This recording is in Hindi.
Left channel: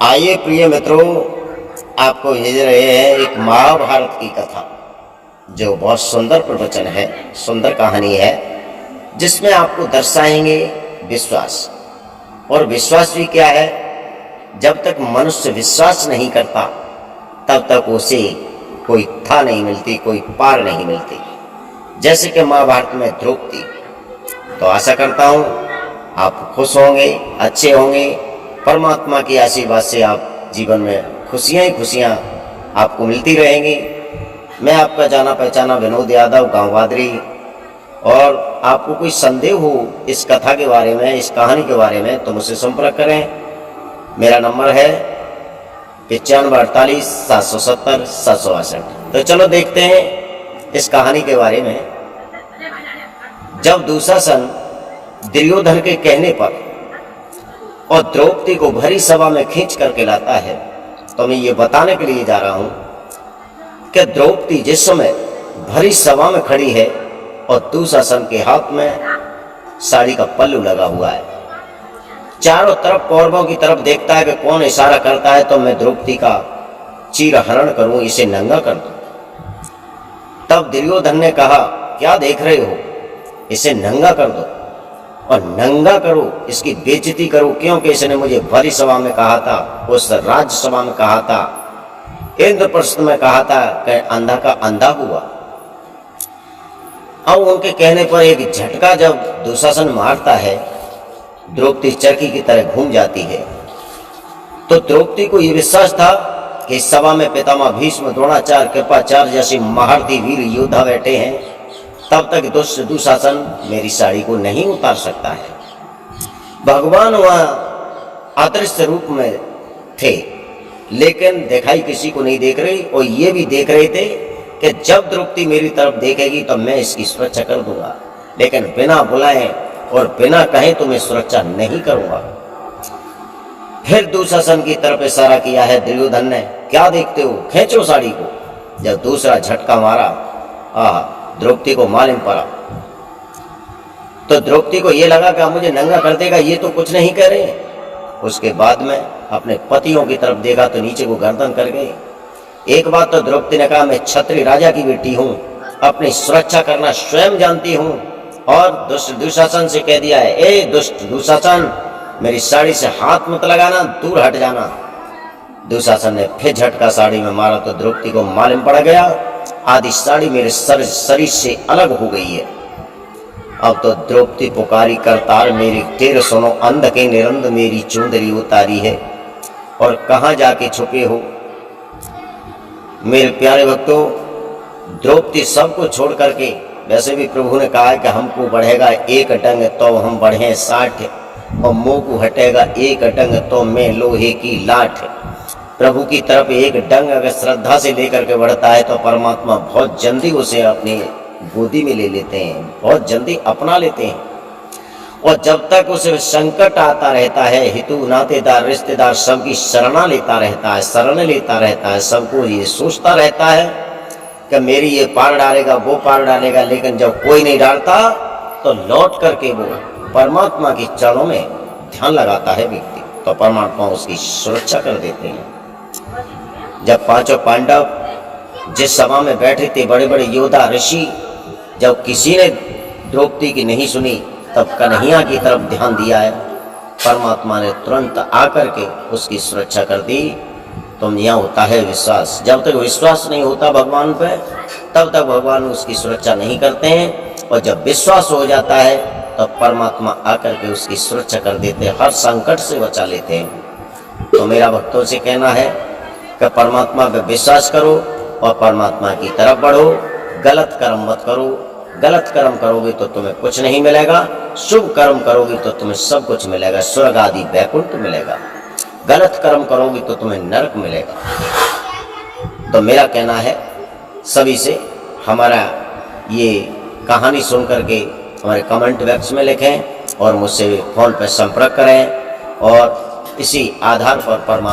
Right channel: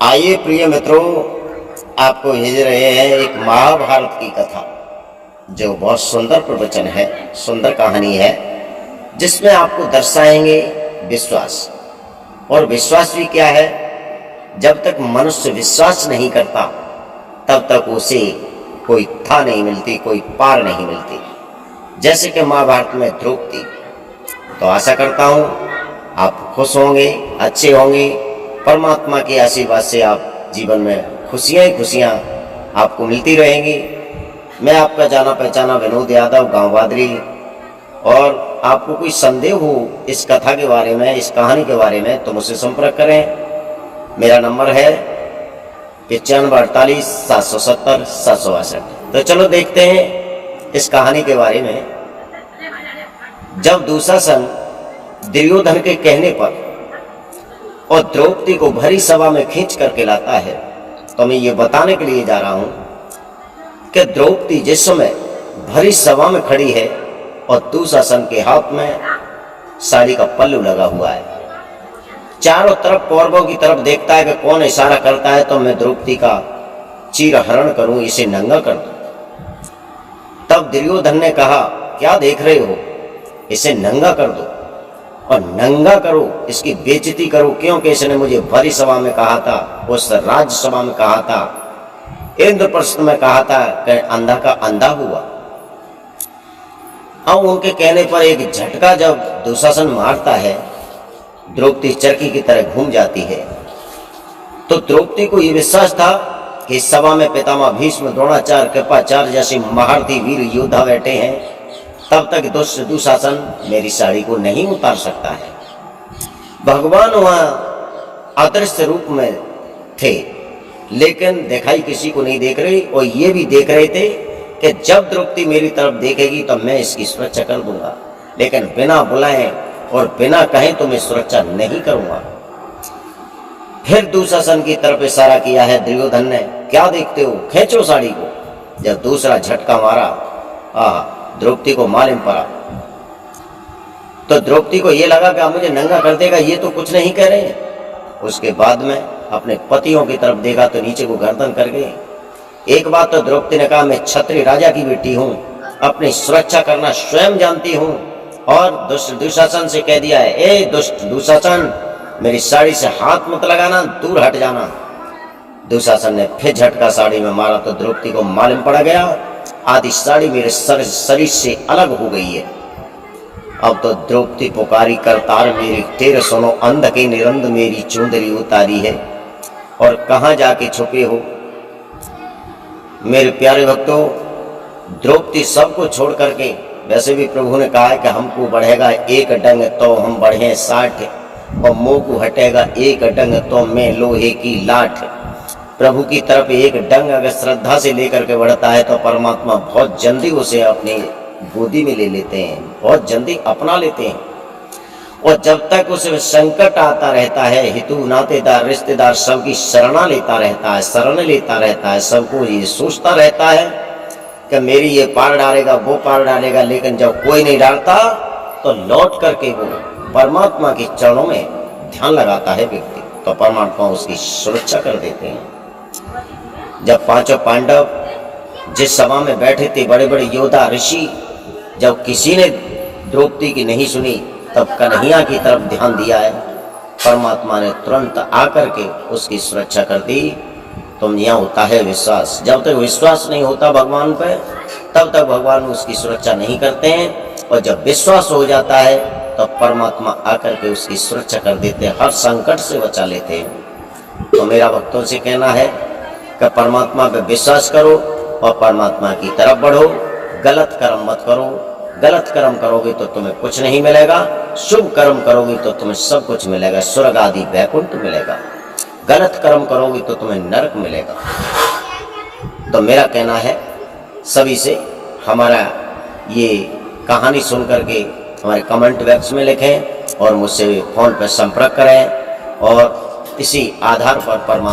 आइए प्रिय मित्रों, आपको भेज रहे हैं एक महाभारत की कथा, जो बहुत सुंदर प्रवचन है, सुंदर कहानी है, जिसमें आपको दर्शाएंगे विश्वास। और विश्वास भी क्या है? जब तक मनुष्य विश्वास नहीं करता तब तक उसे कोई था नहीं मिलती, कोई पार नहीं मिलती। जैसे कि महाभारत में द्रौपदी। तो आशा करता हूँ आप खुश होंगे, अच्छे होंगे। परमात्मा के आशीर्वाद से आप जीवन में खुशियाँ ही खुशियाँ आपको मिलती रहेंगी। मैं आपका जाना पहचाना विनोद यादव, गाँव बादरी। और आपको कोई संदेह हो इस कथा के बारे में, इस कहानी के बारे में, तो मुझसे संपर्क करें। मेरा नंबर है 9548 770 762। तो चलो देखते हैं इस कहानी के बारे में। जब दुशासन दुर्योधन के कहने पर और द्रौपदी को भरी सभा में खींच करके लाता है, तो मैं ये बताने के लिए जा रहा हूं कि द्रौपदी जिस समय भरी सभा में खड़ी है और दुशासन के हाथ में साड़ी का पल्लू लगा हुआ है, चारों तरफ कौरवों की तरफ देखता है कि कौन इशारा करता है तो मैं द्रौपदी का चीरहरण करूं, इसे नंगा कर दूं। तब दुर्योधन ने कहा, क्या देख रहे हो, इसे नंगा कर दो और नंगा करो, इसकी बेइज्जती करो, क्योंकि इसने मुझे भरी सभा में कहा था, उस राज्यसभा में कहा था, इंद्रप्रस्थ में कहा था कि अंधा का अंधा हुआ। अब उनके कहने पर एक झटका जब दुशासन मारता है, द्रौपदी चरखी की तरह घूम जाती है। तो द्रौपदी को यह विश्वास था कि इस सभा में पितामह भीष्म, द्रोणाचार्य, कृपाचार्य जैसे महारथी वीर योद्धा बैठे हैं, तब तक दुष्ट दुशासन मेरी साड़ी को नहीं उतार सकता है। भगवान वह अदृश्य रूप में थे, लेकिन दिखाई किसी को नहीं देख रही, और ये भी देख रहे थे कि जब द्रौपदी मेरी तरफ देखेगी तो मैं इसकी सुरक्षा कर दूंगा, लेकिन बिना बुलाए और बिना कहे तो मैं सुरक्षा नहीं करूंगा। फिर दुशासन की तरफ इशारा किया है दुर्योधन ने, क्या देखते हो, खींचो साड़ी को। जब दूसरा झटका मारा, द्रौपदी को मालूम पड़ा, तो द्रौपदी को यह लगा कि मुझे नंगा कर देगा, ये तो कुछ नहीं कह रहे हैं। उसके बाद में अपने पतियों की तरफ देखा तो नीचे को गर्दन कर गए। एक बात तो द्रौपदी ने कहा, मैं क्षत्रिय राजा की बेटी हूं, अपनी सुरक्षा करना स्वयं जानती हूं। और दुष्ट दुशासन से कह दिया है, ए दुष्ट दुशासन, मेरी साड़ी से हाथ मत लगाना, दूर हट जाना। दुशासन ने फिर झटका साड़ी में मारा तो द्रौपदी को मालूम पड़ गया, आधी साड़ी मेरे शरीर से अलग हो गई है। अब तो द्रौपदी पुकारी, करतार मेरी टेर सुनो, अंध के निरंद मेरी चुंदरी उतारी है। और कहाँ जाके छुपे हो मेरे प्यारे भक्तों। द्रौपदी सबको छोड़ करके, वैसे भी प्रभु ने कहा है कि हमको बढ़ेगा एक डंग तो हम बढ़े 60, और मोह को हटेगा एक डंग तो मैं लोहे की लाठ। प्रभु की तरफ एक डंग अगर श्रद्धा से लेकर के बढ़ता है तो परमात्मा बहुत जल्दी उसे अपनी गोदी में ले लेते हैं, बहुत जल्दी अपना लेते हैं। और जब तक उसे संकट आता रहता है, हितु नातेदार रिश्तेदार सबकी शरण लेता रहता है, सबको ये सोचता रहता है कि मेरी ये पार डालेगा, वो पार डालेगा, लेकिन जब कोई नहीं डालता तो लौट करके वो परमात्मा के चरणों में ध्यान लगाता है व्यक्ति, तो परमात्मा उसकी सुरक्षा कर देते हैं। जब पांचों पांडव जिस सभा में बैठे थे, बड़े बड़े योद्धा ऋषि, जब किसी ने द्रौपदी की नहीं सुनी, तब कन्हैया की तरफ ध्यान दिया है, परमात्मा ने तुरंत आकर के उसकी सुरक्षा कर दी। तुम यहाँ होता है विश्वास, जब तक विश्वास नहीं होता भगवान पे, तब तक भगवान उसकी सुरक्षा नहीं करते हैं। और जब विश्वास हो जाता है तो परमात्मा आकर के उसकी सुरक्षा कर देते हैं, हर संकट से बचा लेते हैं। तो मेरा भक्तों से कहना है कि परमात्मा पे विश्वास करो और परमात्मा की तरफ बढ़ो, गलत कर्म मत करो। गलत कर्म करोगे तो तुम्हें कुछ नहीं मिलेगा, शुभ कर्म करोगे तो तुम्हें सब कुछ मिलेगा, स्वर्ग आदि वैकुंठ मिलेगा। गलत कर्म करोगे तो तुम्हें नरक मिलेगा। तो मेरा कहना है सभी से, हमारा ये कहानी सुन करके हमारे कमेंट बॉक्स में लिखें और मुझसे फ़ोन पर संपर्क करें, और इसी आधार पर परमात्मा